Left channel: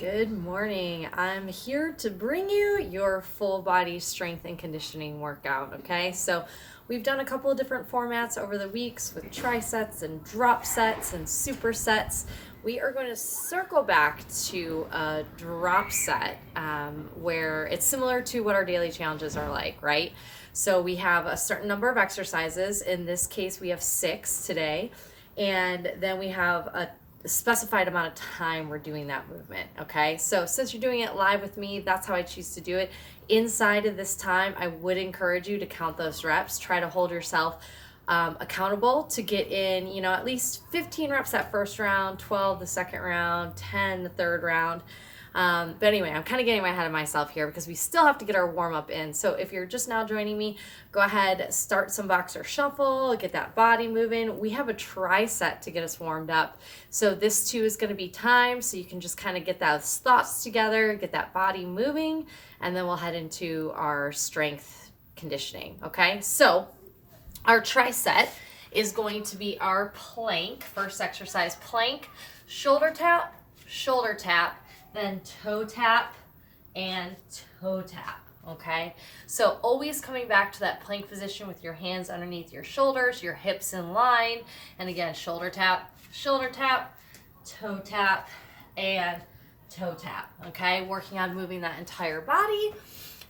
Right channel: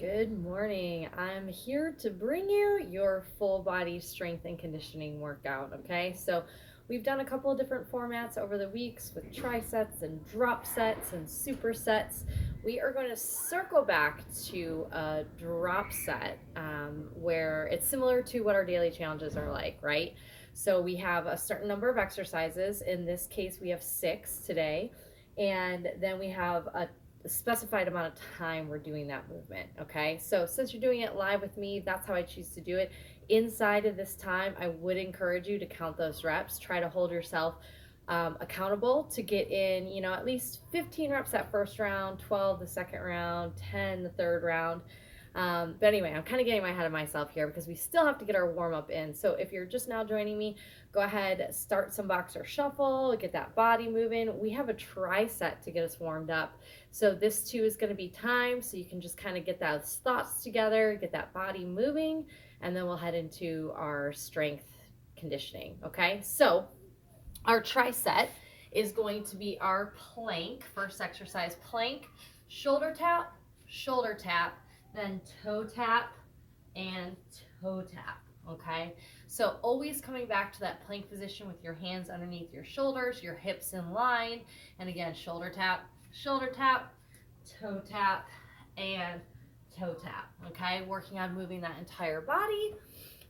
Good morning. I'm here to bring you your full body strength and conditioning workout. Okay, so we've done a couple of different formats over the weeks with trisets and drop sets and supersets. We are going to circle back to a drop set where it's similar to what our daily challenges are like, right? So we have a certain number of exercises. In this case, we have 6 today. And then we have a specified amount of time we're doing that movement. Okay, so since you're doing it live with me, that's how I choose to do it. Inside of this time, I would encourage you to count those reps. Try to hold yourself accountable to get in, at least 15 reps that first round, 12 the second round, 10 the third round. But anyway, I'm kind of getting ahead of myself here because we still have to get our warm up in. So if you're just now joining me, go ahead, start some boxer shuffle, get that body moving. We have a triset to get us warmed up. So this too is going to be time. So you can just kind of get those thoughts together, get that body moving, and then we'll head into our strength conditioning. Okay. So our triset is going to be our plank. First exercise, plank, shoulder tap, then toe tap and toe tap. Okay, so always coming back to that plank position with your hands underneath your shoulders, your hips in line, and again, shoulder tap, toe tap, and toe tap. Okay, working on moving that entire body.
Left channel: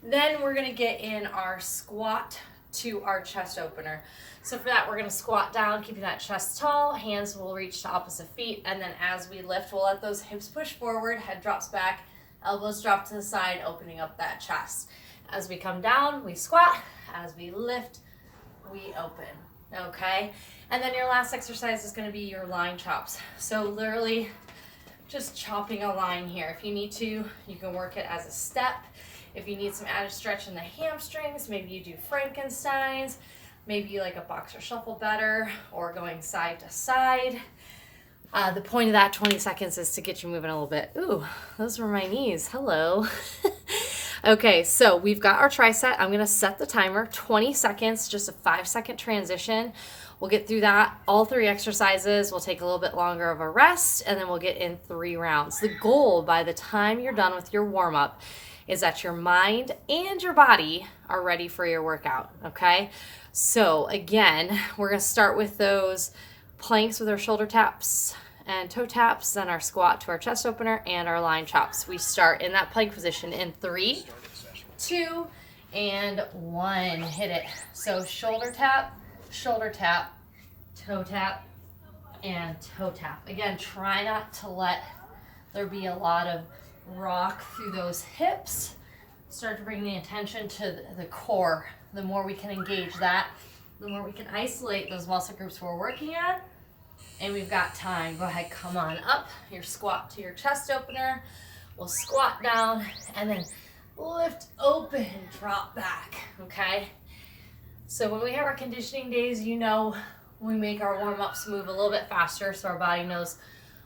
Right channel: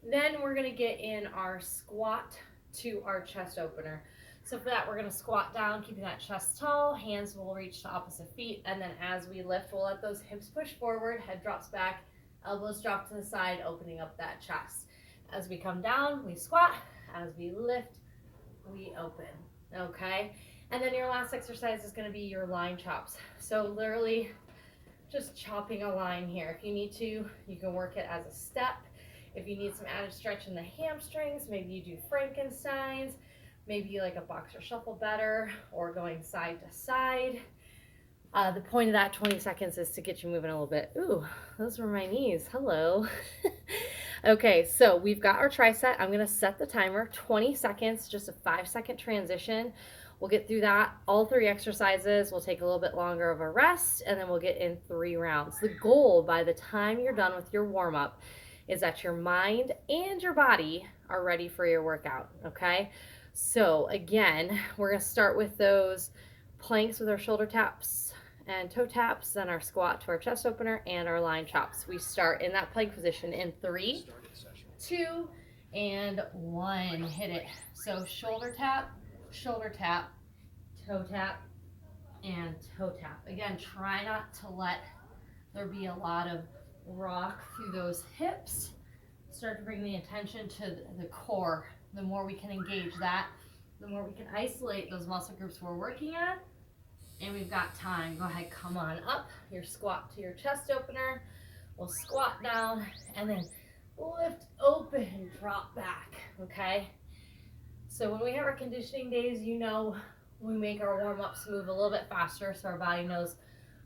Then we're gonna get in our squat to our chest opener. So for that, we're gonna squat down, keeping that chest tall, hands will reach to opposite feet, and then as we lift, we'll let those hips push forward, head drops back, elbows drop to the side, opening up that chest. As we come down, we squat. As we lift, we open, okay? And then your last exercise is gonna be your line chops. So literally just chopping a line here. If you need to, you can work it as a step. If you need some added stretch in the hamstrings, maybe you do Frankensteins, maybe you like a boxer shuffle better, or going side to side. The point of that 20 seconds is to get you moving a little bit. Ooh, those were my knees. Hello. Okay, so we've got our tricep. I'm going to set the timer, 20 seconds, just a 5-second transition. We'll get through that, all 3 exercises. We'll take a little bit longer of a rest, and then we'll get in 3 rounds. The goal by the time you're done with your warm-up is that your mind and your body are ready for your workout, okay? So again, we're going to start with those planks with our shoulder taps and toe taps, then our squat to our chest opener, and our line chops. We start in that plank position in 3, 2, and 1. Hit it. So shoulder tap, toe tap, and toe tap. Again, try not to let there be a lot of rock through those hips. Start to bring the attention to the core. The more we can engage that, the more we can isolate those muscle groups we're working on. And we've got time. Go ahead, come on up. Your squat to your chest opener. We'll squat down and then lift open, drop back, okay? So when we have our conditioning days, we make our warm-ups move a little bit faster so our body knows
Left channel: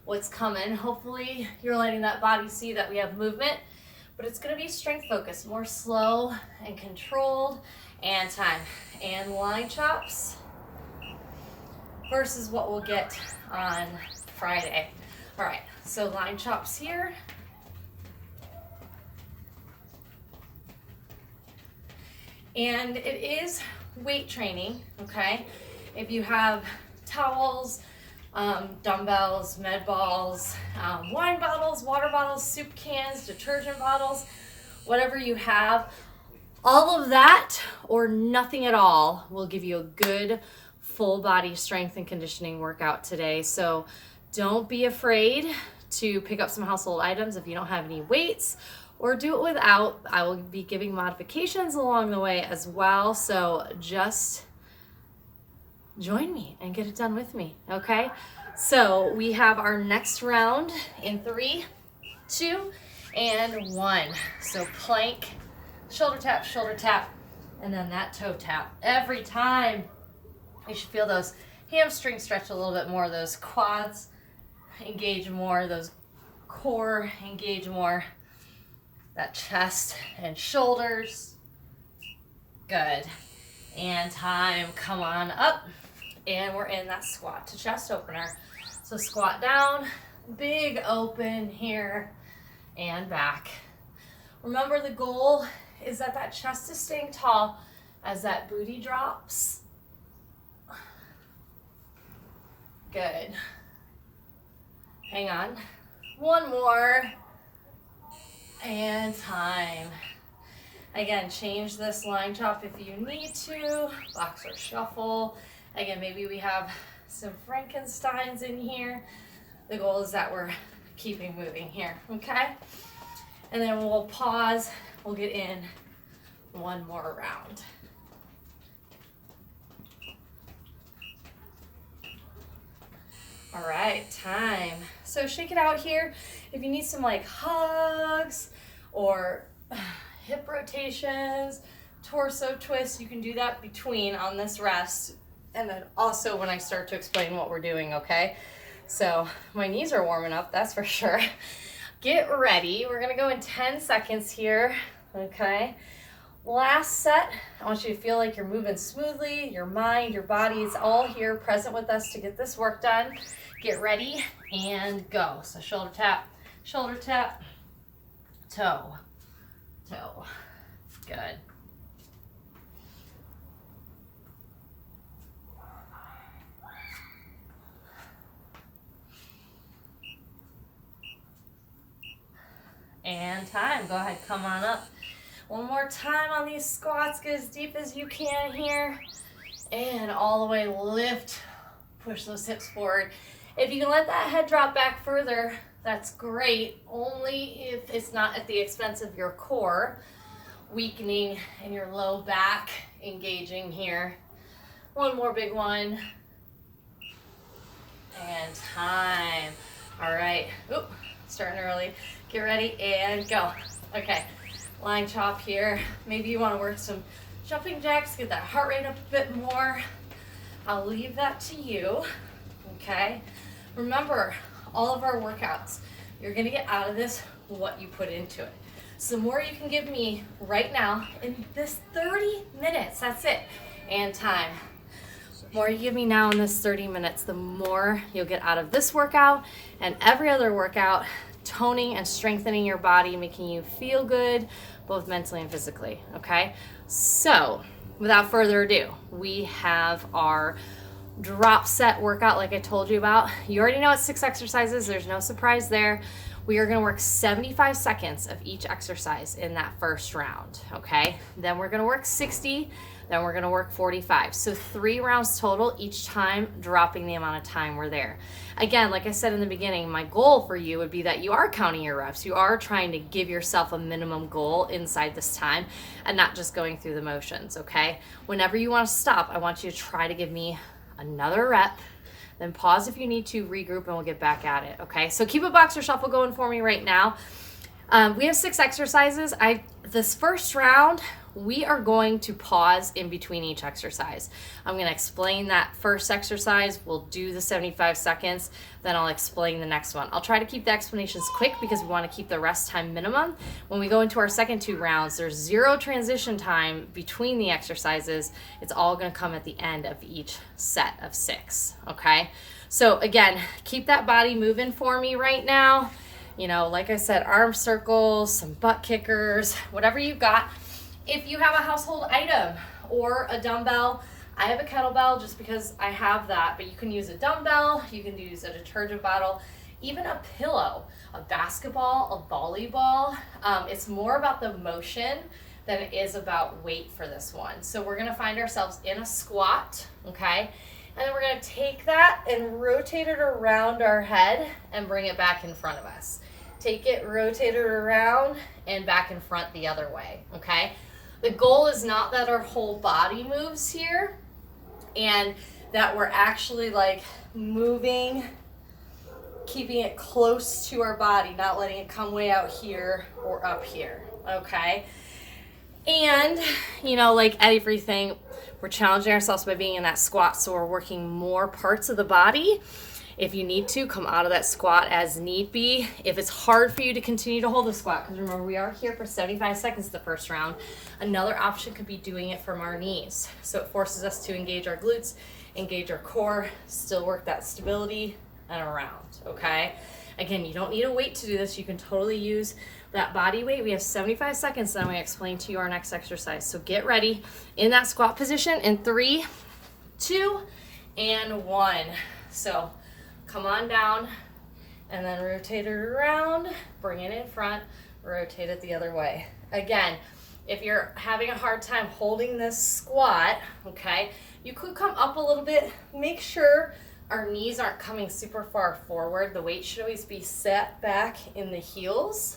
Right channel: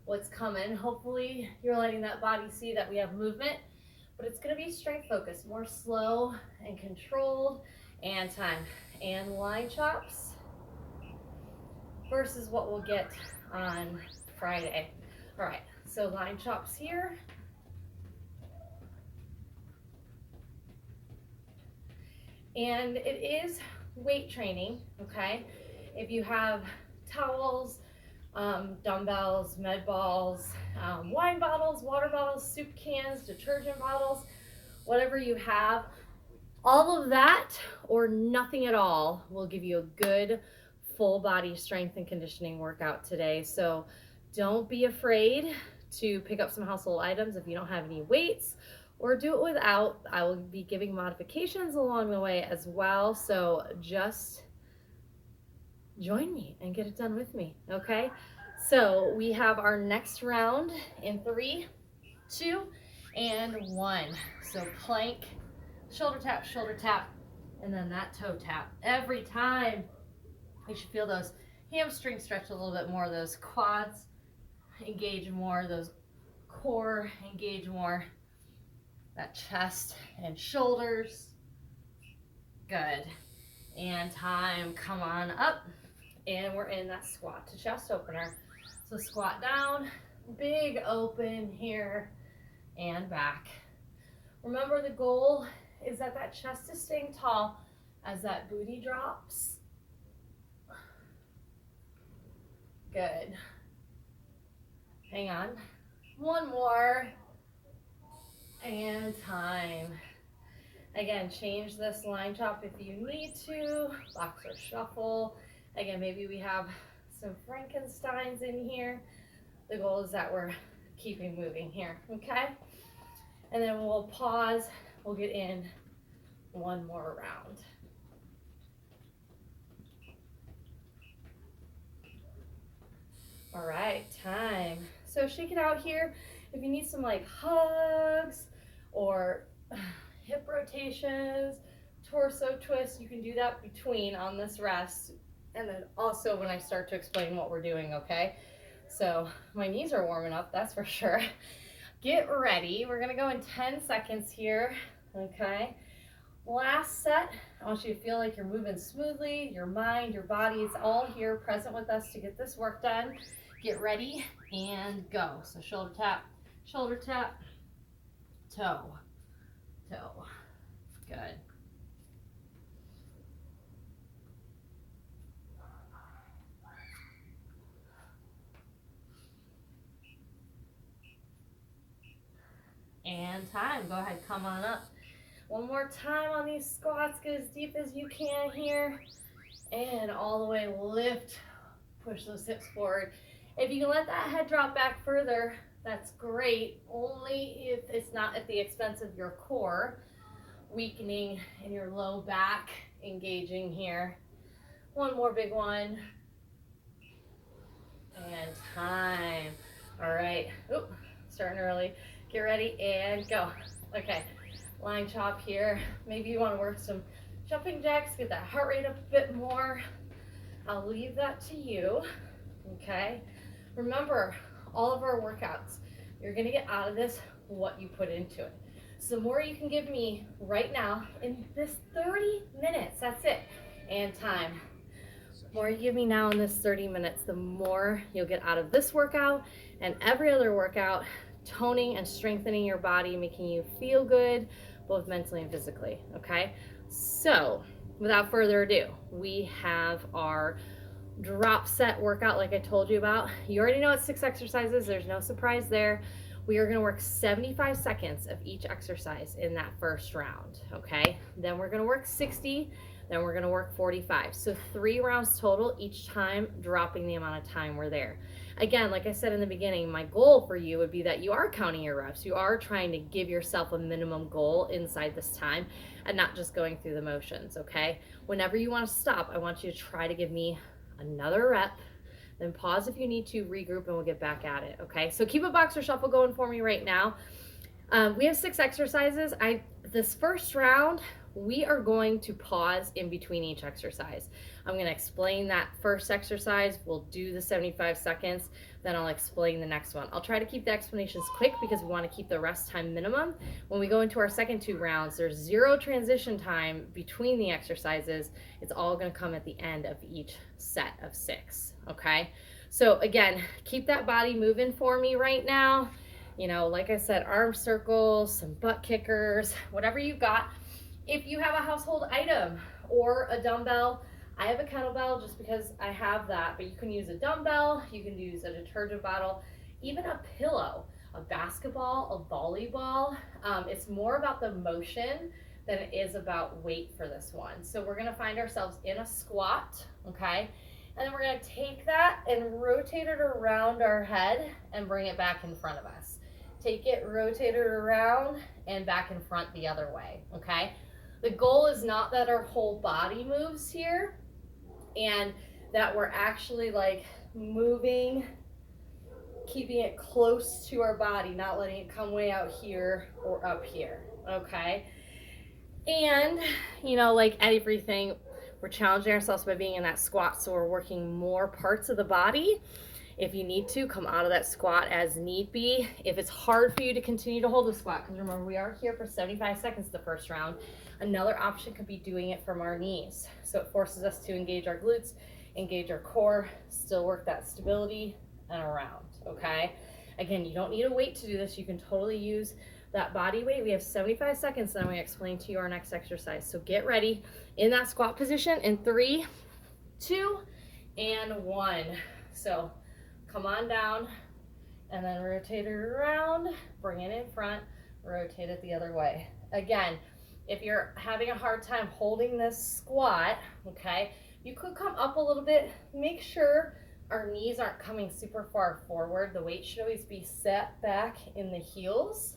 what's coming. Hopefully you're letting that body see that we have movement, but it's gonna be strength focused, more slow and controlled, and time. And line chops versus what we'll get on Friday. All right, so line chops here. And it is weight training, okay? If you have towels, dumbbells, med balls, wine bottles, water bottles, soup cans, detergent bottles, whatever you have, all of that or nothing at all will give you a good full body strength and conditioning workout today. So don't be afraid to pick up some household items if you don't have any weights, or do it without. I will be giving modifications along the way as well. So just join me and get it done with me, okay? So we have our next round in 3, 2, and 1. So plank, shoulder tap, and then that toe tap. Every time you should feel those hamstrings stretch a little bit more, those quads engage more, those core engage more, that chest and shoulders. Good. And time, come on up. And we're in that squat to chest opener. So squat down, big open here, and back. Remember, the goal is that that chest is staying tall as that booty drops. Good. Hang on. One more. And time. Again, change this line chop if you need to. Box or shuffle. Again, maybe we have some Frankensteins in here. The goal is that we're keeping moving here, okay? And then we'll pause. We'll get in one more round. All right, time. So shake it out here. If you need some like hugs or hip rotations, torso twists, you can do that between on this rest. And then also when I start to explain what we're doing, okay? So my knees are warming up, that's for sure. Get ready. We're gonna go in 10 seconds here, okay? Last set, I want you to feel like you're moving smoothly. Your mind, your body is all here present with us to get this work done. Get ready and go. So shoulder tap, toe, toe. Good. And time. Go ahead, come on up. One more time on these squats. Get as deep as you can here. And all the way lift. Push those hips forward. If you can let that head drop back further, that's great. Only if it's not at the expense of your core. Weakening in your low back. Engaging here. One more big one. And time. All right. Oop, starting early. Get ready and go. Okay, line chop here. Maybe you want to work some jumping jacks, get that heart rate up a bit more. I'll leave that to you, okay? Remember, all of our workouts, you're gonna get out of this what you put into it. So the more you can give me right now in this 30 minutes, that's it, and time. The more you give me now in this 30 minutes, the more you'll get out of this workout and every other workout, toning and strengthening your body, making you feel good, both mentally and physically, okay? So, without further ado, we have our drop set workout like I told you about. You already know it's 6 exercises, there's no surprise there. We are gonna work 75 seconds of each exercise in that first round, okay? Then we're gonna work 60, then we're gonna work 45. So 3 rounds total, each time dropping the amount of time we're there. Again, like I said in the beginning, my goal for you would be that you are counting your reps. You are trying to give yourself a minimum goal inside this time and not just going through the motions, okay? Whenever you want to stop, I want you to try to give me another rep, then pause if you need to, regroup, and we'll get back at it, okay? So keep a box or shuffle going for me right now. We have 6 exercises. This first round, we are going to pause in between each exercise. I'm going to explain that first exercise. We'll do the 75 seconds, then I'll explain the next one. I'll try to keep the explanations quick because we want to keep the rest time minimum. When we go into our second 2 rounds, there's 0 transition time between the exercises. It's all going to come at the end of each set of 6, okay? So again, keep that body moving for me right now. You know, like I said, arm circles, some butt kickers, whatever you've got. If you have a household item or a dumbbell, I have a kettlebell just because I have that, but you can use a dumbbell, you can use a detergent bottle, even a pillow, a basketball, a volleyball. It's more about the motion than it is about weight for this one. So we're gonna find ourselves in a squat, okay? And then we're gonna take that and rotate it around our head and bring it back in front of us. Take it, rotate it around and back in front the other way, okay? The goal is not that our whole body moves here and that we're actually like moving, keeping it close to our body, not letting it come way out here or up here, okay? And, you know, like everything, we're challenging ourselves by being in that squat, so we're working more parts of the body. If you need to, come out of that squat as need be. If it's hard for you to continue to hold the squat, because remember, we are here for 75 seconds the first round, another option could be doing it from our knees. So it forces us to engage our glutes, engage our core, still work that stability and around, okay? Again, you don't need a weight to do this. You can totally use that body weight. We have 75 seconds, then I'm going to explain to you our next exercise. So get ready in that squat position in 3, 2, and 1. So come on down and then rotate it around, bring it in front, rotate it the other way. Again, if you're having a hard time holding this squat, okay, you could come up a little bit. Make sure our knees aren't coming super far forward. The weight should always be set back in the heels.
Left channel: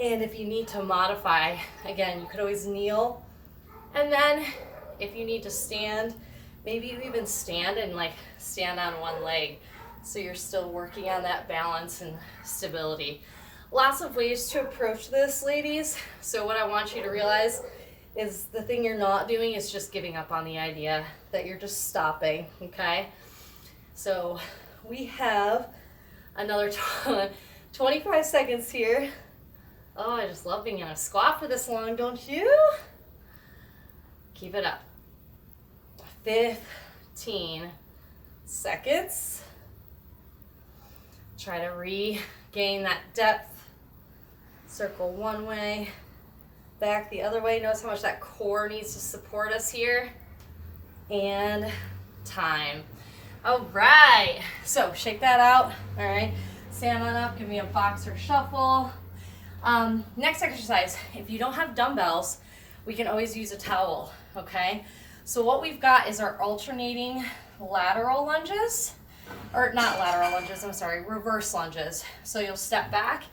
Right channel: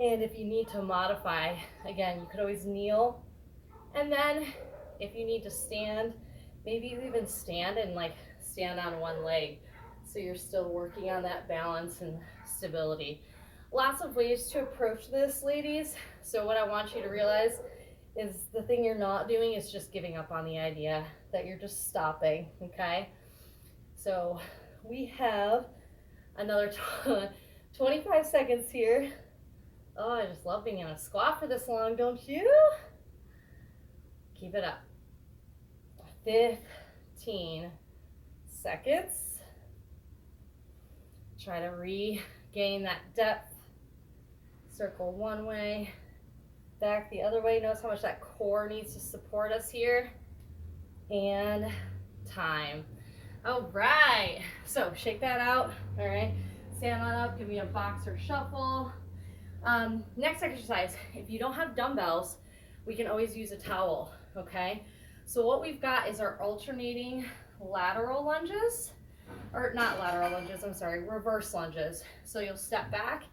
And if you need to modify, again, you could always kneel. And then if you need to stand, maybe you even stand and like stand on one leg. So you're still working on that balance and stability. Lots of ways to approach this, ladies. So what I want you to realize is the thing you're not doing is just giving up on the idea, that you're just stopping, okay? So we have another 25 seconds here. Oh, I just love being in a squat for this long, don't you? Keep it up. 15 seconds. Try to regain that depth. Circle one way, back the other way. Notice how much that core needs to support us here. And time. All right, so shake that out. All right, stand on up, give me a boxer shuffle. Next exercise, if you don't have dumbbells, we can always use a towel, okay? So what we've got is our alternating lateral lunges, or not lateral lunges, I'm sorry, reverse lunges. So you'll step back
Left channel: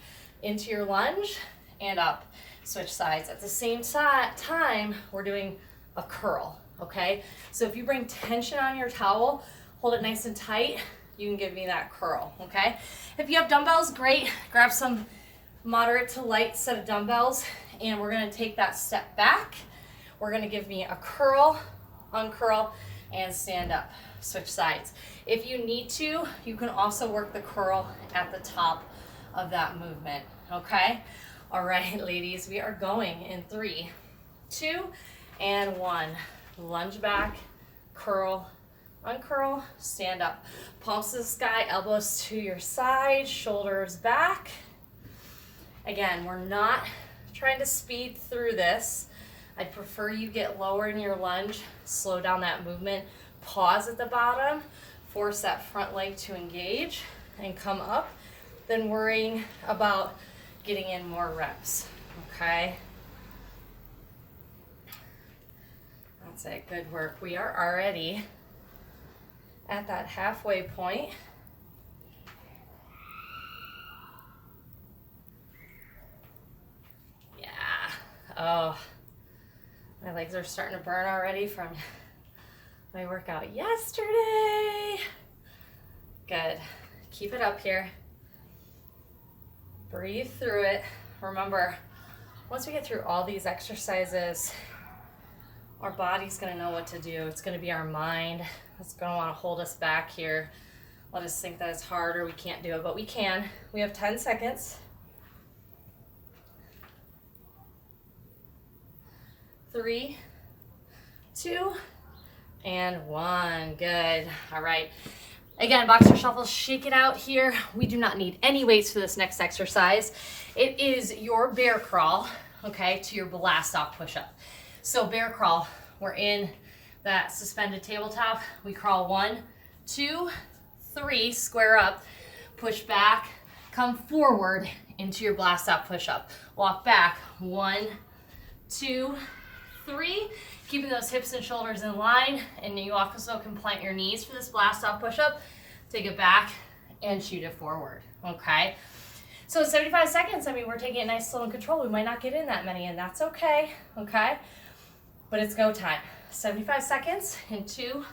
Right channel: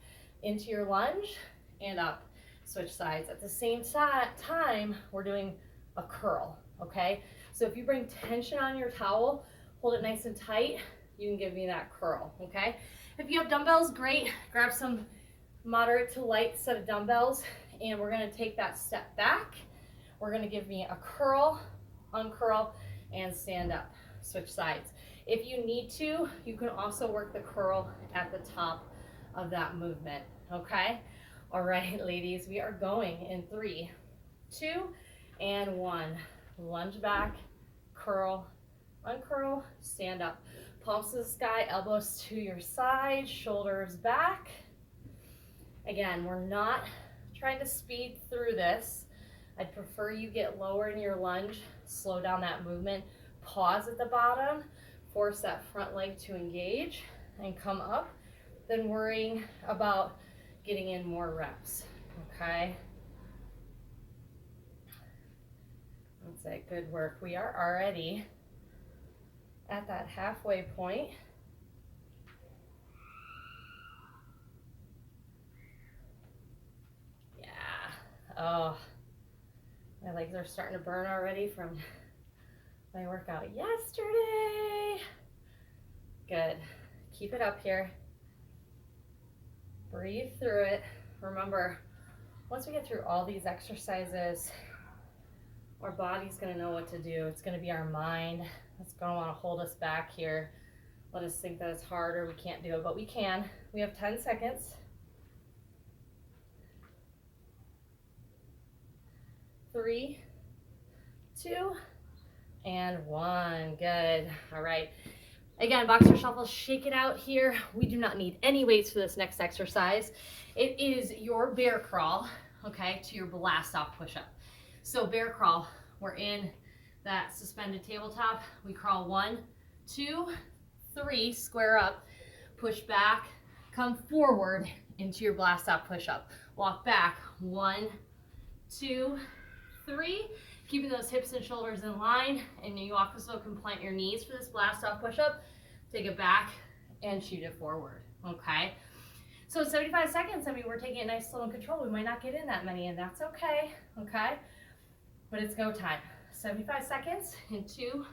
into your lunge and up, switch sides. At the same time, we're doing a curl, okay? So if you bring tension on your towel, hold it nice and tight, you can give me that curl, okay? If you have dumbbells, great. Grab some moderate to light set of dumbbells, and we're gonna take that step back. We're gonna give me a curl, uncurl, and stand up, switch sides. If you need to, you can also work the curl at the top of that movement, okay? All right, ladies, we are going in 3, 2, and 1. Lunge back, curl, uncurl, stand up. Palms to the sky, elbows to your side, shoulders back. Again, we're not trying to speed through this. I'd prefer you get lower in your lunge, slow down that movement, pause at the bottom, force that front leg to engage, and come up, than worrying about getting in more reps, okay? That's it, good work. We are already at that halfway point. Yeah, oh, my legs are starting to burn already from my workout yesterday. Good, keep it up here. Breathe through it. Remember, once we get through all these exercises, our body's gonna know what to do. It's gonna be our mind that's gonna wanna hold us back here. Let us think that it's hard or we can't do it, but we can. We have 10 seconds. 3, 2, and 1. Good. All right. Again, boxer shuffle, shake it out here. We do not need any weights for this next exercise. It is your bear crawl, okay, to your blast off push-up. So bear crawl, we're in that suspended tabletop. We crawl 1, 2, 3, square up, push back, come forward into your blast off push-up. Walk back, 1, 2, 3, keeping those hips and shoulders in line, and you also can plant your knees for this blast off push-up. Take it back and shoot it forward, okay? So 75 seconds, I mean, we're taking it nice, slow, and control. We might not get in that many, and that's okay, okay? But it's go time. 75 seconds in 2,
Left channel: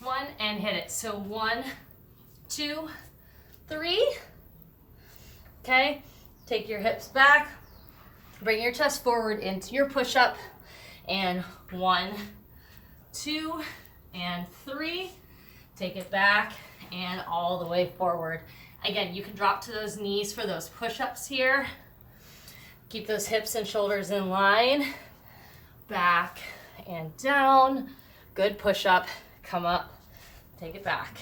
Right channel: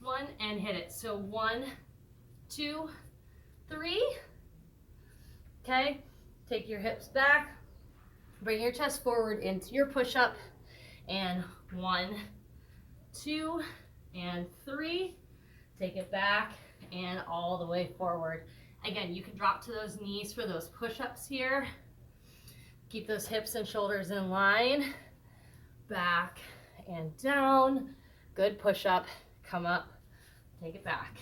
1, and hit it. So 1, 2, 3, okay? Take your hips back, bring your chest forward into your push-up, and 1, 2, and 3. Take it back and all the way forward. Again, you can drop to those knees for those push-ups here. Keep those hips and shoulders in line. Back and down. Good push-up. Come up. Take it back.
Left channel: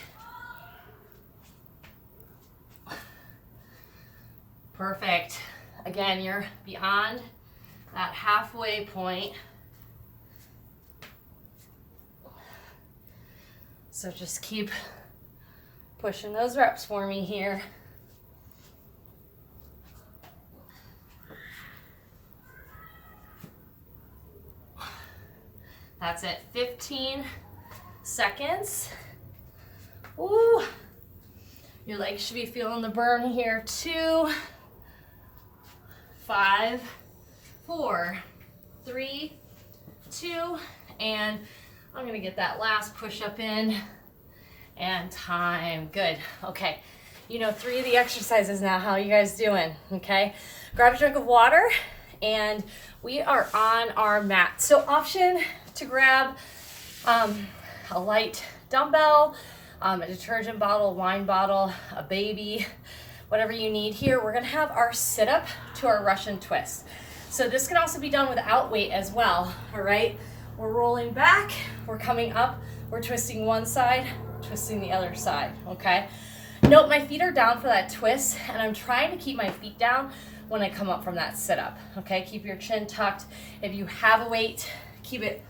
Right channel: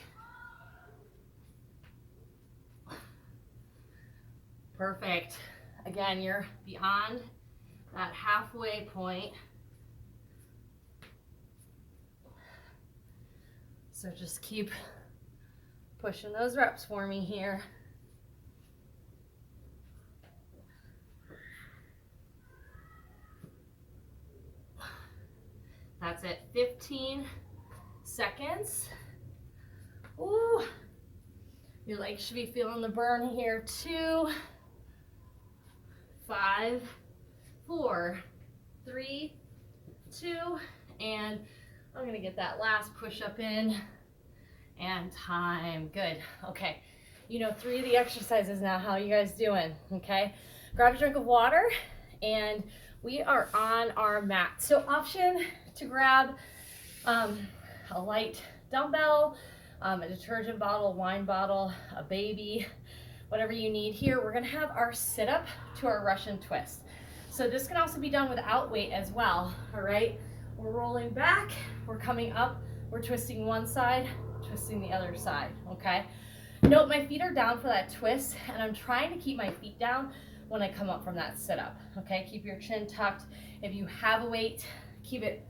Perfect. Again, you're beyond that halfway point. So just keep pushing those reps for me here. That's it, 15 seconds. Ooh, your legs should be feeling the burn here too. 5, 4, 3, 2, and I'm gonna get that last push up in, and time. Good. Okay, you know 3 of the exercises now. How are you guys doing? Okay, grab a drink of water, and we are on our mat. So option to grab a light dumbbell, a detergent bottle, wine bottle, a baby, whatever you need. Here we're gonna have our sit up to our Russian twist. So this can also be done without weight as well. All right, we're rolling back, we're coming up, we're twisting one side, twisting the other side. Okay, note my feet are down for that twist, and I'm trying to keep my feet down when I come up from that sit up. Okay, keep your chin tucked. If you have a weight, keep it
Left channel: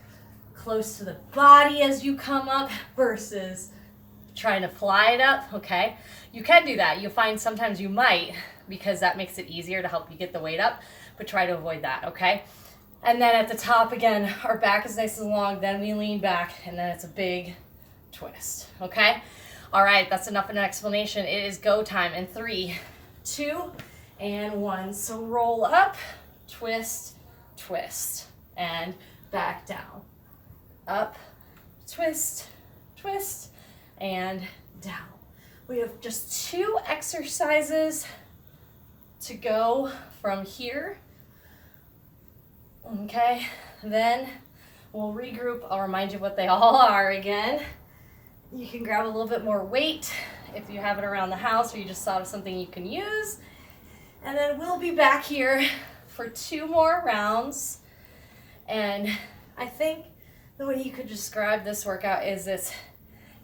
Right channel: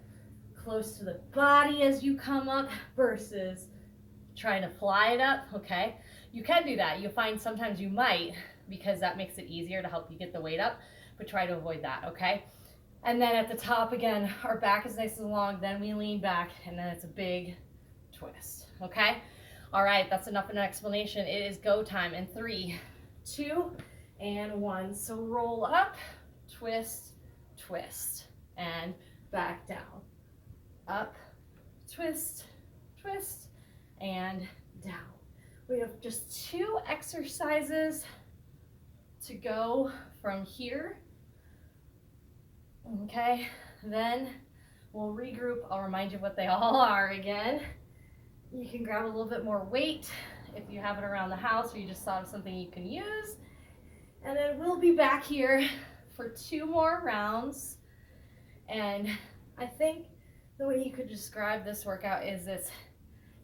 close to the body as you come up versus trying to fly it up. Okay, you can do that. You'll find sometimes you might, because that makes it easier to help you get the weight up, but try to avoid that. Okay, and then at the top again, our back is nice and long, then we lean back, and then it's a big twist. Okay, all right, that's enough of an explanation. It is go time in 3, 2, and 1. So roll up, twist, twist, and back down. Up, twist, twist, and down. We have just 2 exercises to go from here. Okay, then we'll regroup. I'll remind you what they all are again. You can grab a little bit more weight if you have it around the house or you just thought of something you can use. And then we'll be back here for 2 more rounds. And I think the way you could describe this workout is it's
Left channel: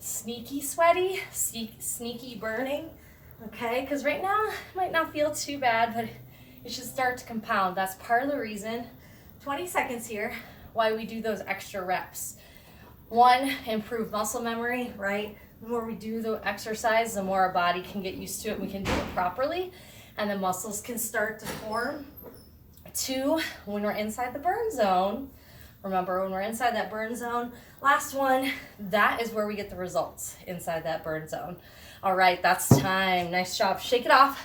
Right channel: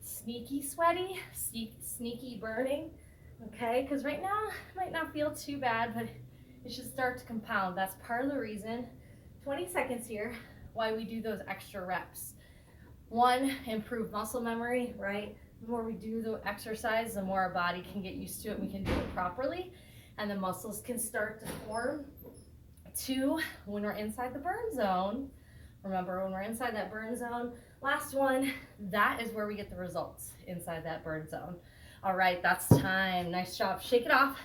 sneaky sweaty, sneaky burning, okay? Because right now it might not feel too bad, but it should start to compound. That's part of the reason, 20 seconds here, why we do those extra reps. 1, improve muscle memory, right? The more we do the exercise, the more our body can get used to it, we can do it properly, and the muscles can start to form. 2, when we're inside the burn zone, remember when we're inside that burn zone, last one, that is where we get the results, inside that burn zone. All right, that's time. Nice job. Shake it off.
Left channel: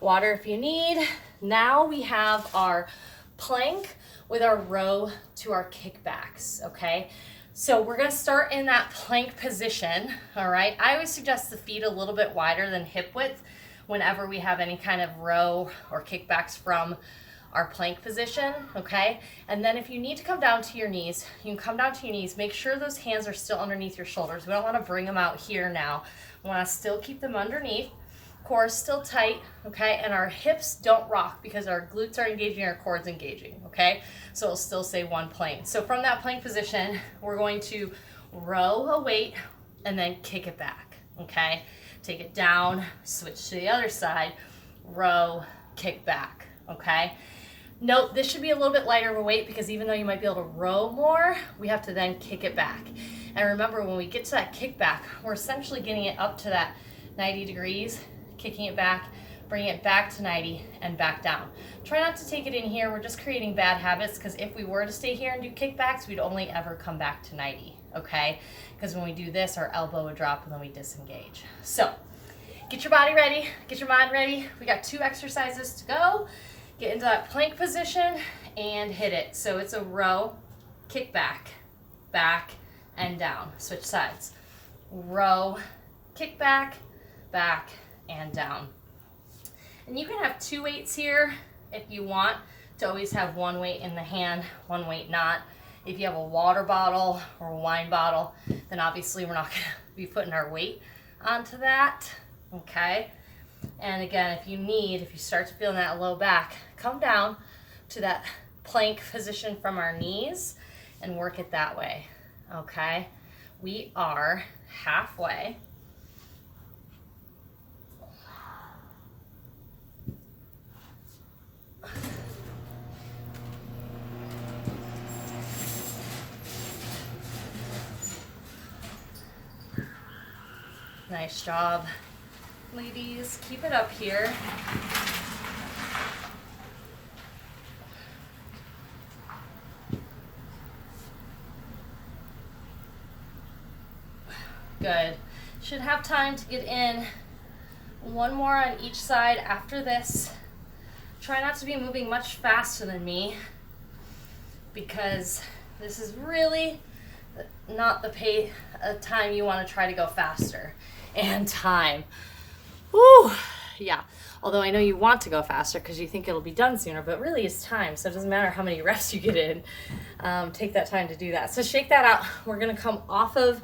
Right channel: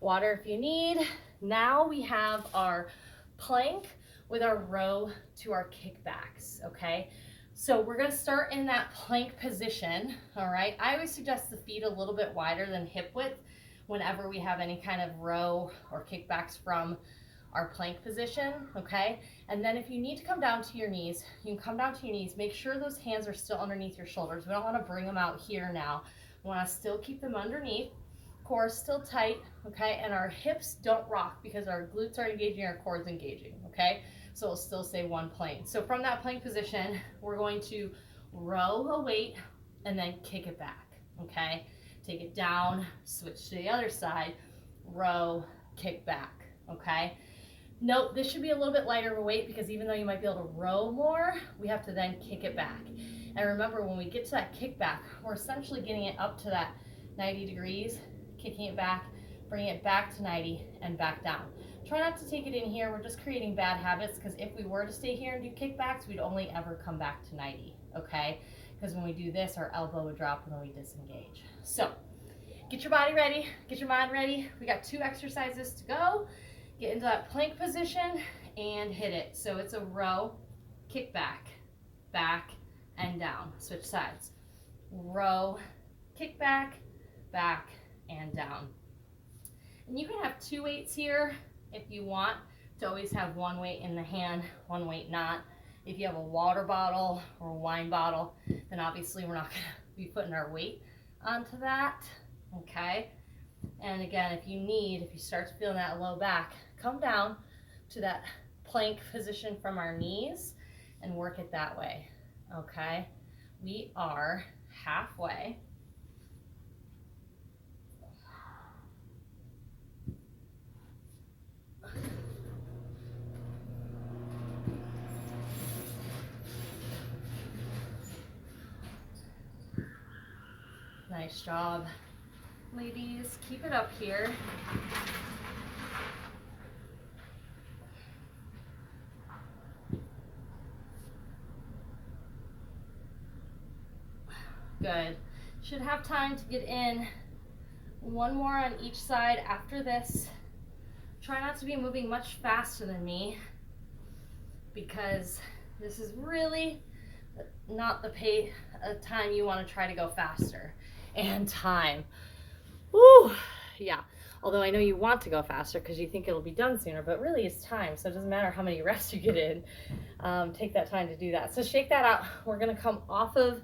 Water if you need. Now we have our plank with our row to our kickbacks, okay? So we're gonna start in that plank position, all right? I always suggest the feet a little bit wider than hip width whenever we have any kind of row or kickbacks from our plank position, okay? And then if you need to come down to your knees, you can come down to your knees. Make sure those hands are still underneath your shoulders. We don't wanna bring them out here now. We wanna still keep them underneath. Core is still tight, okay? And our hips don't rock because our glutes are engaging, our core's engaging, okay? So it'll still say one plane. So from that plank position, we're going to row a weight and then kick it back, okay? Take it down, switch to the other side, row, kick back, okay? Note, this should be a little bit lighter of a weight because even though you might be able to row more, we have to then kick it back. And remember, when we get to that kickback, we're essentially getting it up to that 90 degrees, kicking it back, bringing it back to 90 and back down. Try not to take it in here. We're just creating bad habits because if we were to stay here and do kickbacks, we'd only ever come back to 90, okay? Because when we do this, our elbow would drop and then we disengage. So get your body ready, get your mind ready. We got 2 exercises to go. Get into that plank position and hit it. So it's a row, kick back, back, and down. Switch sides. Row, kick back, back, and down. And you can have 2 weights here if you want to always have 1 weight in the hand, 1 weight not. If you have a water bottle or a wine bottle, then obviously we're not gonna be putting our weight onto that, okay? And again, if you start to feel that low back, come down to that plank position from our knees and work it that way, okay? We are halfway. Nice job. Ladies, keep it up here. Good. Should have time to get in one more on each side after this. Try not to be moving much faster than me because this is really not the time you want to try to go faster. And time. Woo! Yeah. Although I know you want to go faster because you think it'll be done sooner, but really it's time. So it doesn't matter how many reps you get in. Take that time to do that. So shake that out. We're going to come off of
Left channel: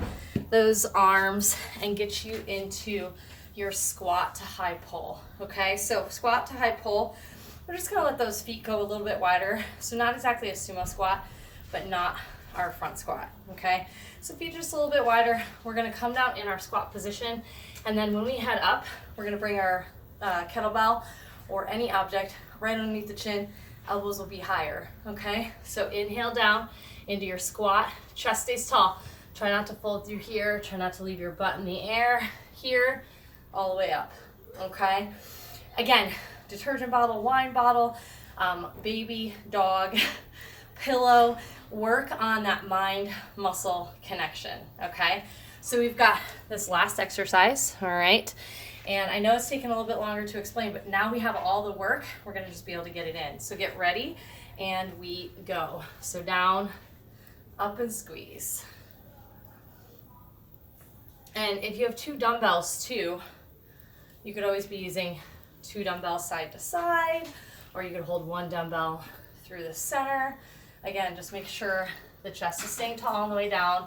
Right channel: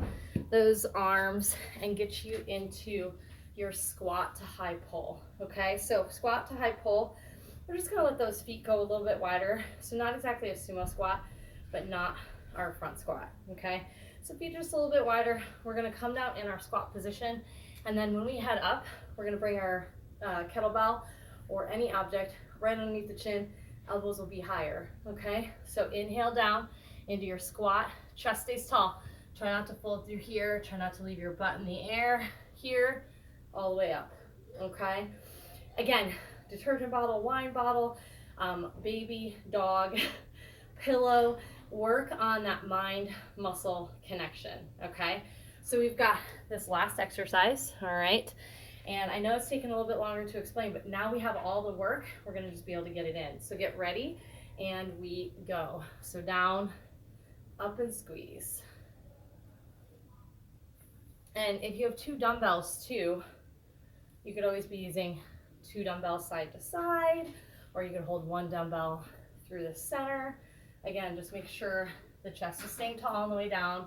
those arms and get you into your squat to high pull. Okay, so squat to high pull. We're just going to let those feet go a little bit wider. So not exactly a sumo squat, but not our front squat. Okay, so feet just a little bit wider. We're going to come down in our squat position. And then when we head up, we're going to bring our kettlebell or any object right underneath the chin. Elbows will be higher. Okay, so inhale down into your squat. Chest stays tall. Try not to fold through here. Try not to leave your butt in the air here, all the way up. Okay, again, detergent bottle, wine bottle, baby, dog, pillow. Work on that mind-muscle connection. Okay, so we've got this last exercise. All right, and I know it's taken a little bit longer to explain, but now we have all the work. We're going to just be able to get it in. So get ready, and we go. So down, up, and squeeze. And if you have two dumbbells too, you could always be using two dumbbells side to side, or you could hold one dumbbell through the center. Again, just make sure the chest is staying tall on the way down,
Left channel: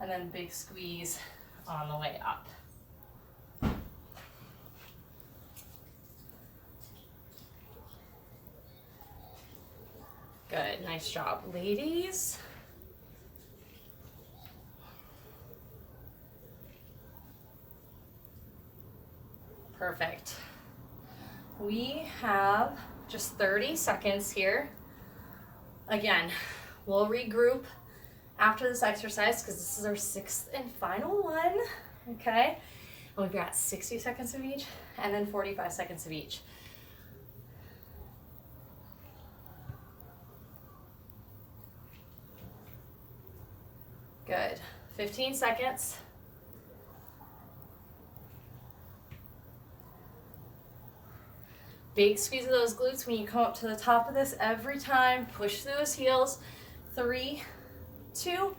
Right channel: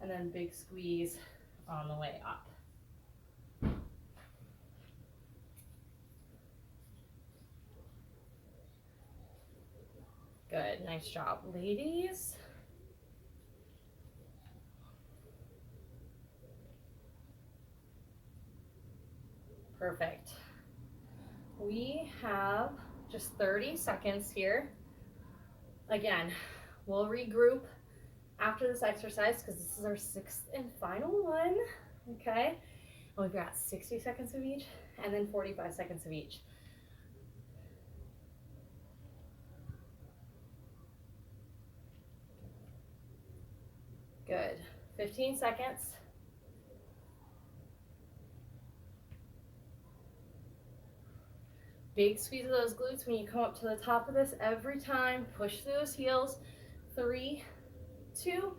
and then big squeeze on the way up. Good, nice job, ladies. Perfect. We have just 30 seconds here. Again, we'll regroup after this exercise because this is our 6th and final one. Okay, and we've got 60 seconds of each and then 45 seconds of each. Good. 15 seconds. Big squeeze of those glutes when you come up to the top of this every time. Push through those heels. 3, 2,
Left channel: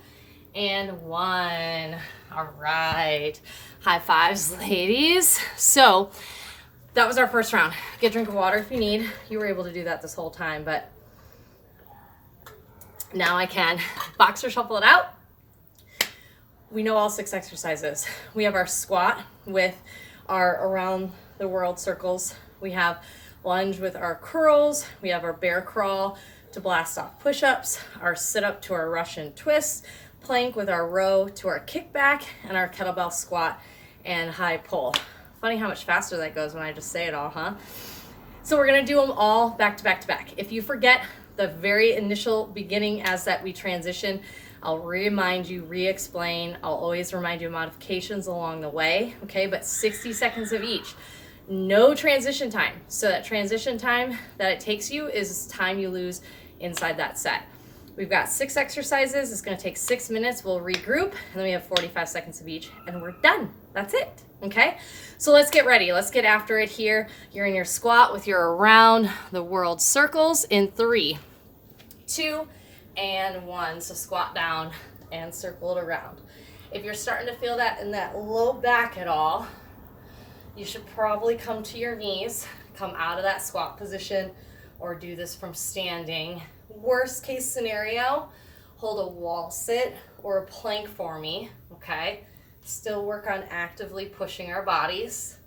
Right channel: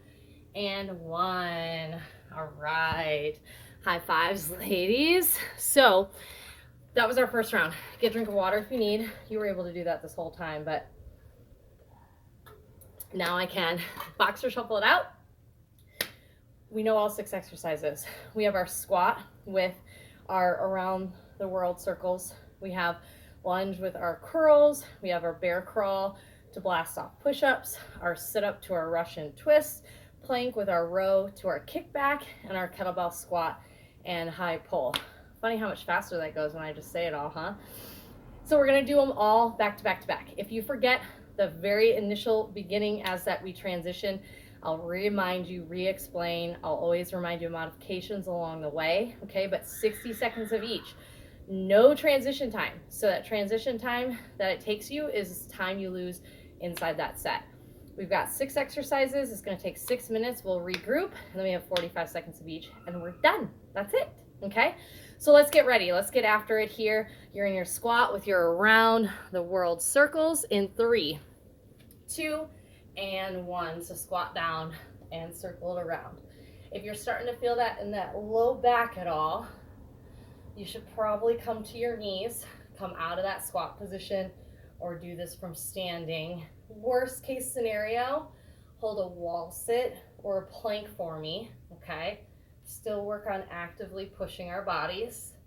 and 1. All right. High fives, ladies. So that was our first round. Get a drink of water if you need. You were able to do that this whole time, but now I can. Boxer shuffle it out. We know all 6 exercises. We have our squat with our around the world circles. We have lunge with our curls. We have our bear crawl to blast off push-ups, our sit-up to our Russian twist, plank with our row to our kickback, and our kettlebell squat and high pull. Funny how much faster that goes when I just say it all, huh? So we're gonna do them all back to back to back. If you forget the very initial beginning as that we transition, I'll remind you, re-explain. I'll always remind you of modifications along the way, okay? But 60 seconds of each. No transition time. So that transition time that it takes you is time you lose inside that set. We've got 6 exercises. It's going to take 6 minutes. We'll regroup, and then we have 45 seconds of each, and we're done. That's it. Okay? So let's get ready. Let's get after it here. You're in your squat with your around the world circles in 3, 2, and 1. So squat down and circle it around. If you're starting to feel that in that low back at all, you should probably come to your knees, come out of that squat position, or do this from standing. Worst case scenario, hold a wall sit or a plank for me, okay? Still work on actively pushing our bodies.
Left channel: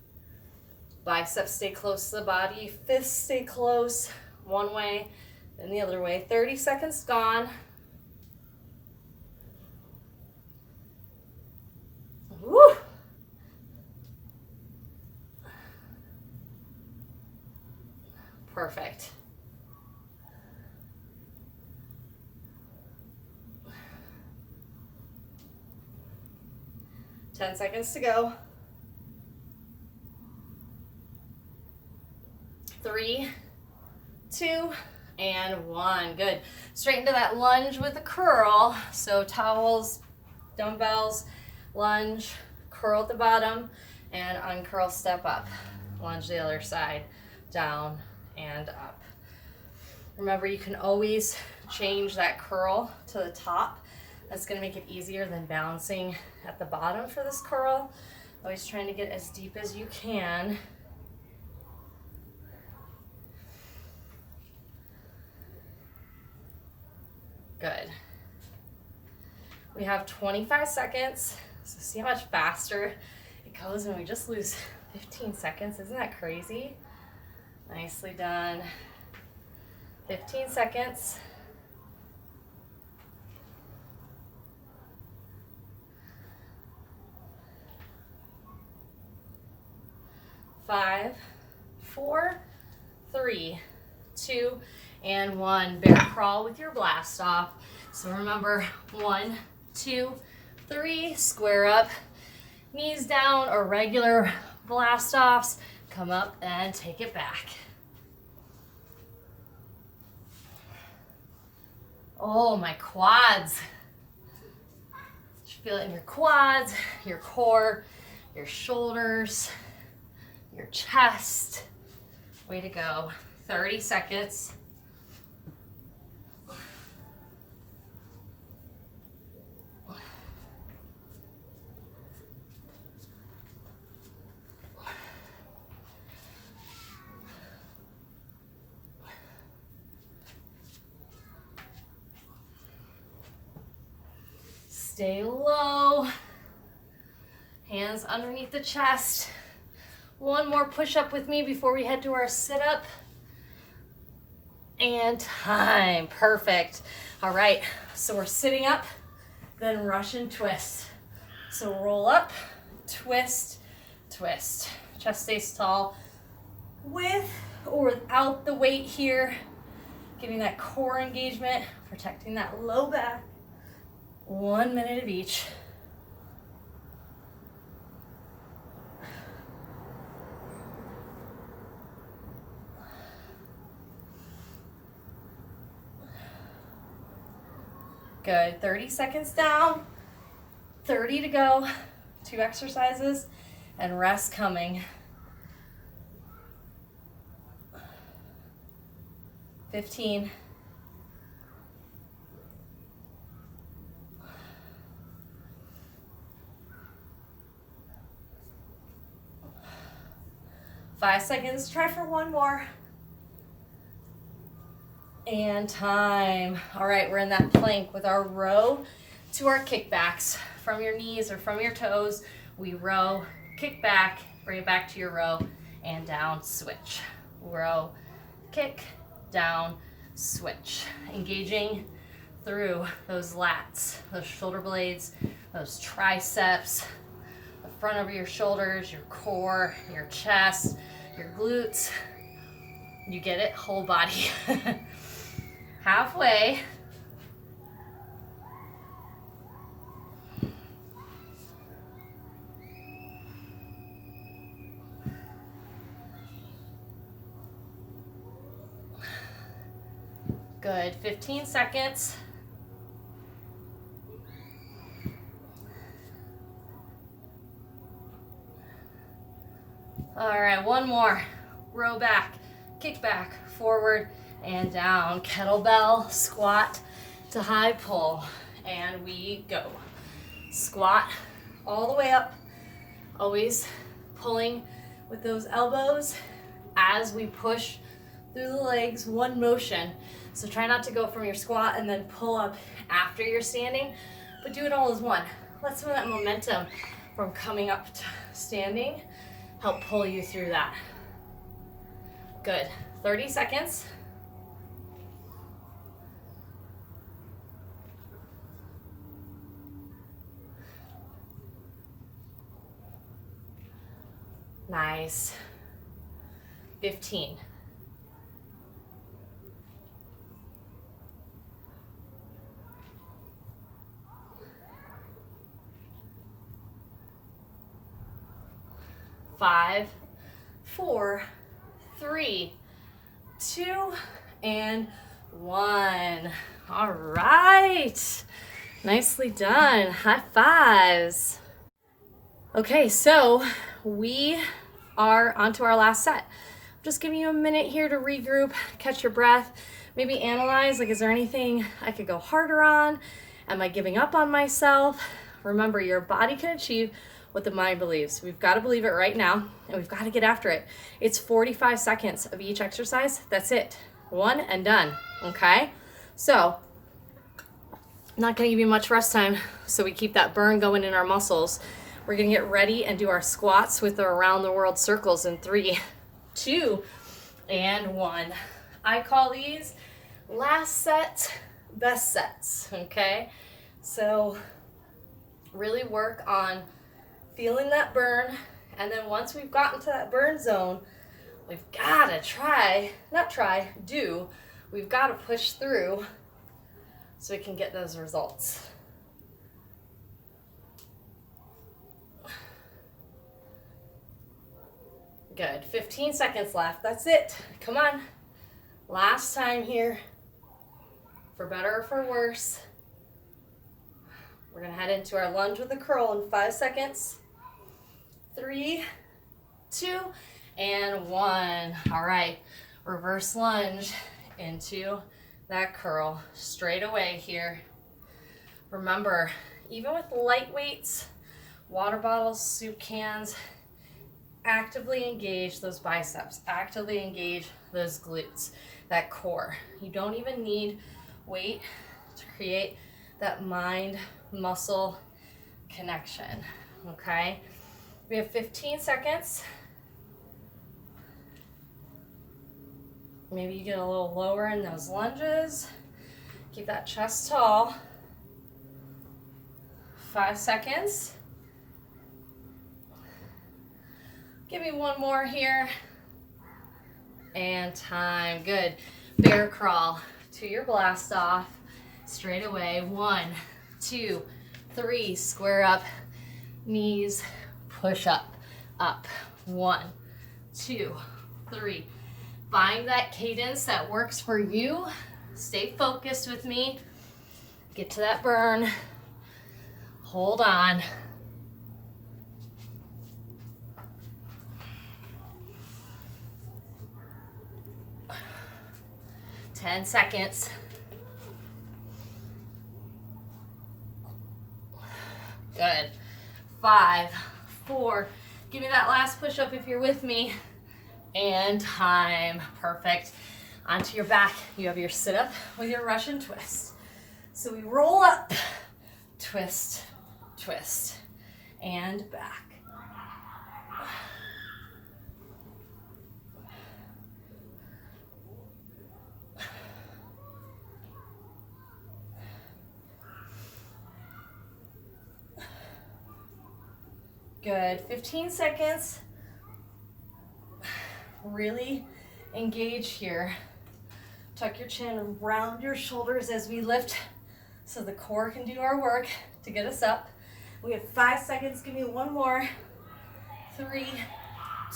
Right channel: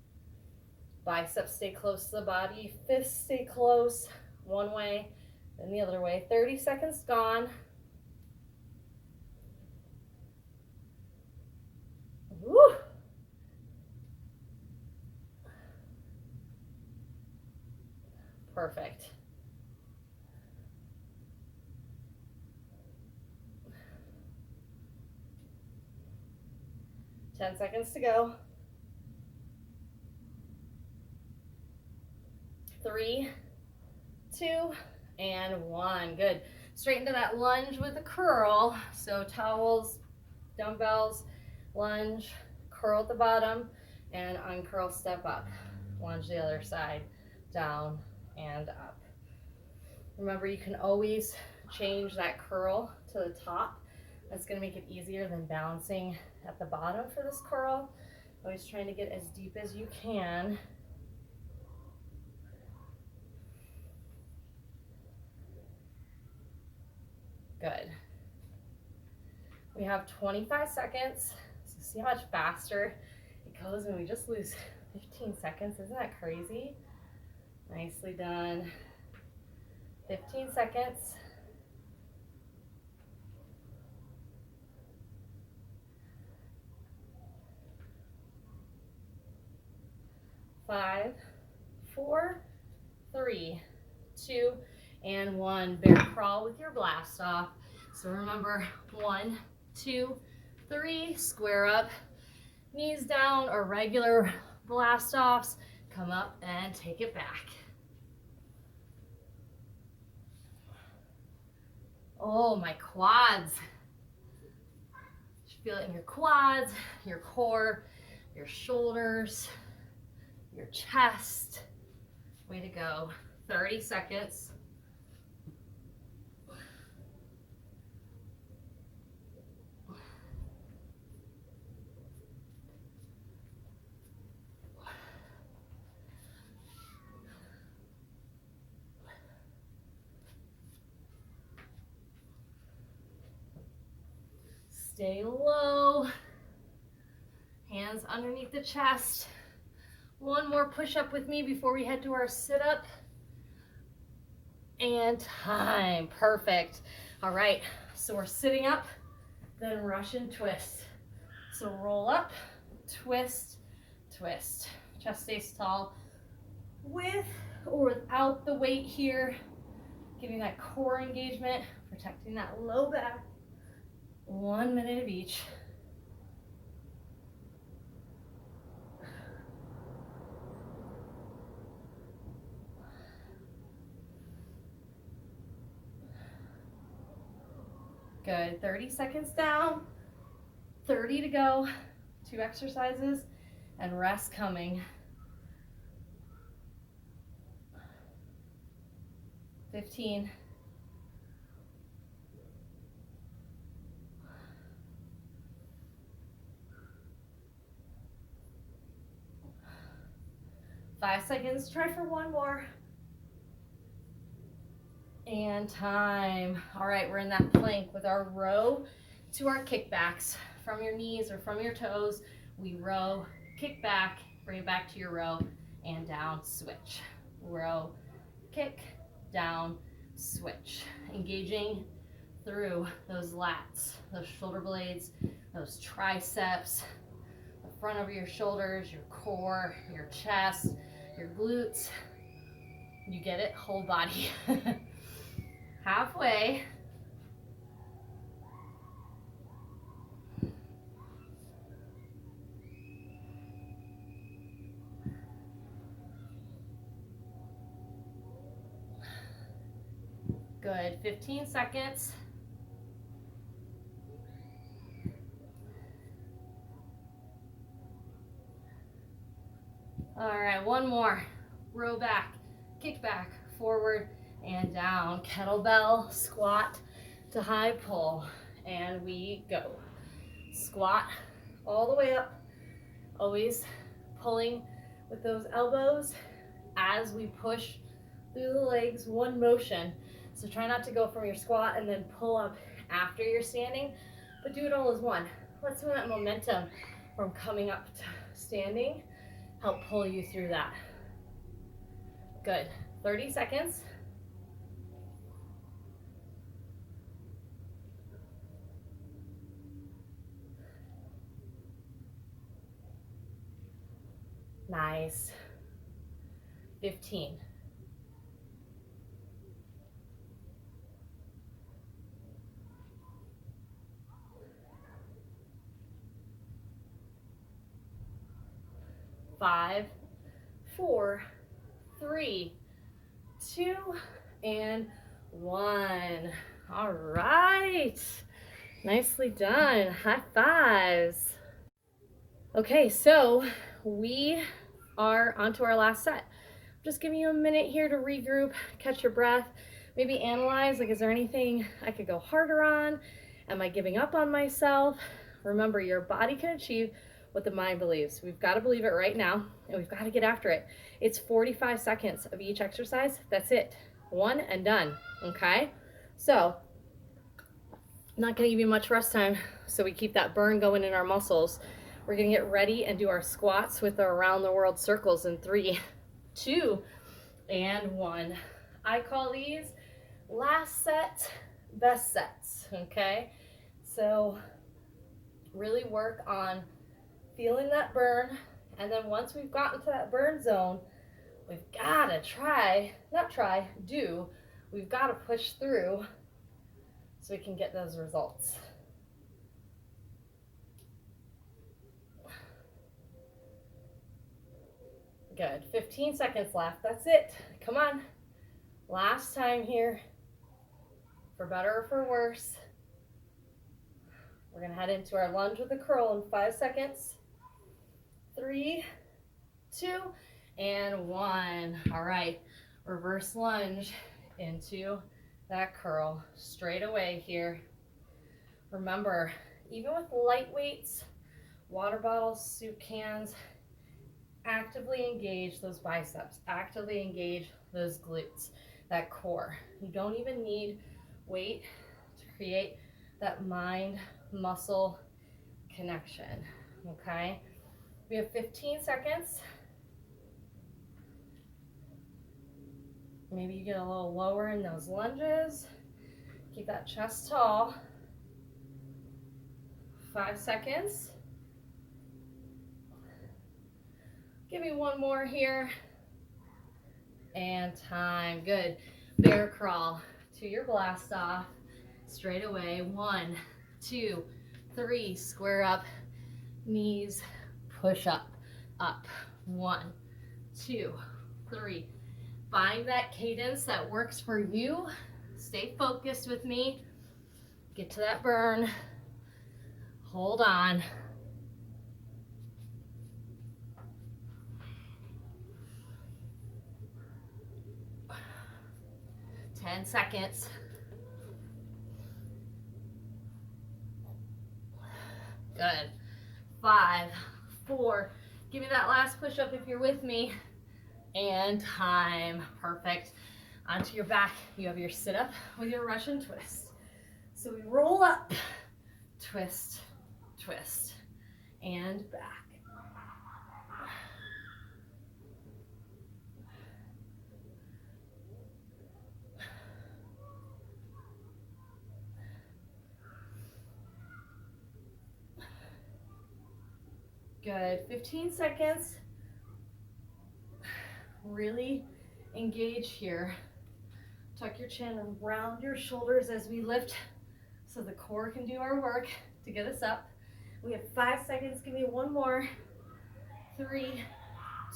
Biceps stay close to the body, fists stay close, one way, then the other way. 30 seconds gone. Woo! Perfect. Ten seconds to go. 3, 2, and 1. Good. Straight into that lunge with a curl. So towels, dumbbells, lunge, curl at the bottom, and uncurl, step up. Lunge the other side, down and up. Remember, you can always change that curl to the top. That's going to make it easier than balancing at the bottom for this curl. Always trying to get as deep as you can. Good. We have 25 seconds. So see how much faster it goes when we just lose 15 seconds. Isn't that crazy? Nicely done. 15 seconds. 5, 4, 3, 2, and 1. Bear crawl with your blast off. So remember, 1, 2, 3, square up, knees down, or regular blast offs. Come up and take it back. Oh, my quads. You feel it in your quads, your core, your shoulders, your chest. Way to go. 30 seconds. Stay low. Hands underneath the chest. One more push-up with me before we head to our sit-up. And time. Perfect. All right, so we're sitting up, then Russian twist. So roll up, twist, twist. Chest stays tall with or without the weight here. Getting that core engagement, protecting that low back. 1 minute of each. Good. 30 seconds down, 30 to go. 2 exercises and rest coming. 15. 5 seconds. Try for 1 more. And time. All right, we're in that plank with our row to our kickbacks. From your knees or from your toes, we row, kick back, bring it back to your row, and down, switch. Row, kick, down, switch. Engaging through those lats, those shoulder blades, those triceps, the front of your shoulders, your core, your chest, your glutes. You get it? Whole body. Halfway. Good. 15 seconds. All right, 1 more. Row back, kick back, forward, and down. Kettlebell, squat to high pull. And we go. Squat all the way up. Always pulling with those elbows as we push through the legs, one motion. So try not to go from your squat and then pull up after you're standing, but do it all as one. Let some of that momentum from coming up to standing help pull you through that. Good. 30 seconds. Nice. 15. Five, 4, 3, 2, and 1. All right. Nicely done. High fives. Okay, so we are onto our last set. Just giving you a minute here to regroup, catch your breath, maybe analyze, like, is there anything I could go harder on? Am I giving up on myself? Remember, your body can achieve what the mind believes. We've got to believe it right now, and we've got to get after it. It's 45 seconds of each exercise. That's it. 1 and done, okay? So, I'm not going to give you much rest time, so we keep that burn going in our muscles. We're going to get ready and do our squats with our around the world circles in 3, 2, and 1. I call these last set, best sets, okay? So really work on feeling that burn, and then once we've gotten to that burn zone, we've got to we've got to push through so we can get those results. Good. 15 seconds left. That's it. Come on. Last time here. For better or for worse. We're going to head into our lunge with a curl in 5 seconds. 3, 2, and 1. All right. Reverse lunge into that curl. Straight away here. Remember, even with light weights, water bottles, soup cans, actively engage those biceps, actively engage those glutes, that core. You don't even need weight to create that mind-muscle connection, okay? We have 15 seconds. Maybe you get a little lower in those lunges. Keep that chest tall. 5 seconds. Give me one more here. And time. Good. Bear crawl to your blast off. Straight away. 1, 2, 3. Square up. Knees. Push up. Up. 1, 2, 3. Find that cadence that works for you. Stay focused with me. Get to that burn. Hold on. 10 seconds. Good. 5, 4. Give me that last push-up if you're with me. And time. Perfect. Onto your back. You have your sit-up with your Russian twist. So we roll up, twist, twist, and back. Good. 15 seconds. Really engage here. Tuck your chin around your shoulders as we lift so the core can do our work to get us up. We have 5 seconds. Give me one more. 3,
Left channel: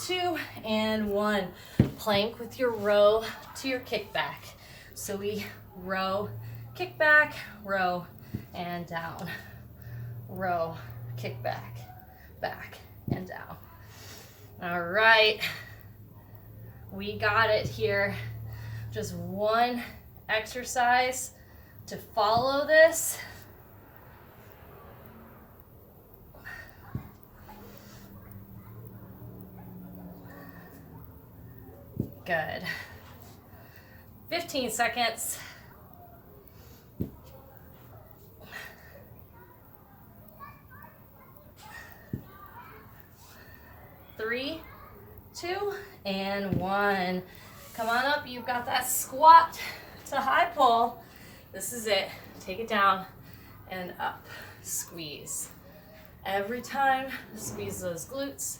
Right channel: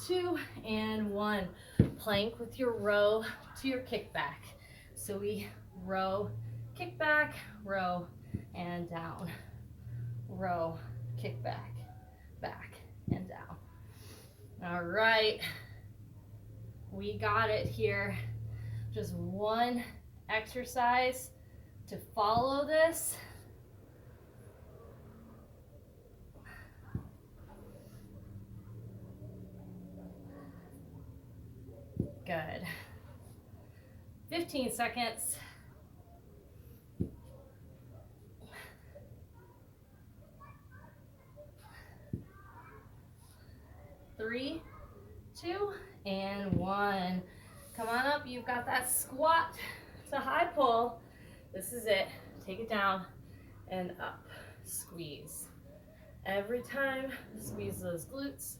2, and 1. Plank with your row to your kickback. So we row, kick back, row, and down. Row, kick back, back, and down. All right. We got it here. Just one exercise to follow this. Good. 15 seconds. 3, 2, and 1. Come on up. You've got that squat to high pull. This is it. Take it down and up. Squeeze. Every time, squeeze those glutes.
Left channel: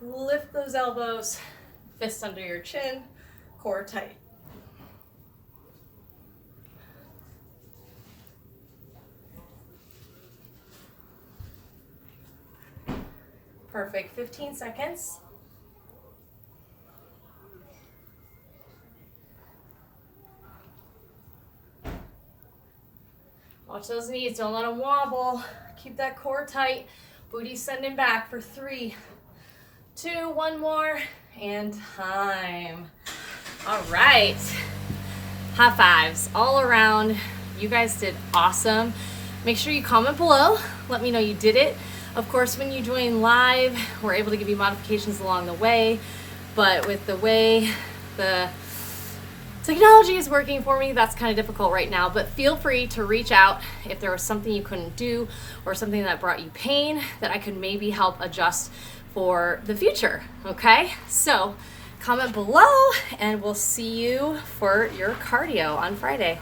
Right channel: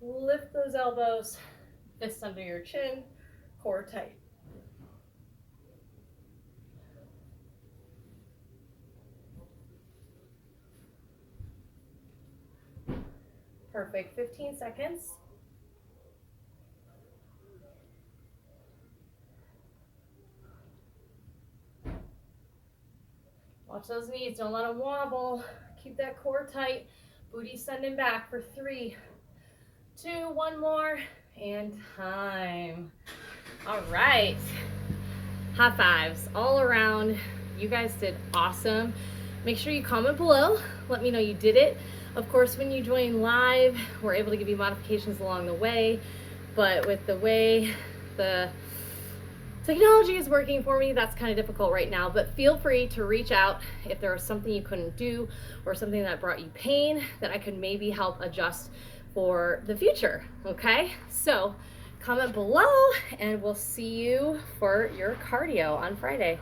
Lift those elbows. Fist under your chin. Core tight. Perfect. 15 seconds. Watch those knees, don't let them wobble. Keep that core tight. Booty sending back for 3, 2, 1 more, and time. All right. High fives all around. You guys did awesome. Make sure you comment below. Let me know you did it. Of course, when you join live, we're able to give you modifications along the way, but with the way the technology is working for me, that's kind of difficult right now, but feel free to reach out if there was something you couldn't do or something that brought you pain that I could maybe help adjust for the future, okay? So comment below and we'll see you for your cardio on Friday.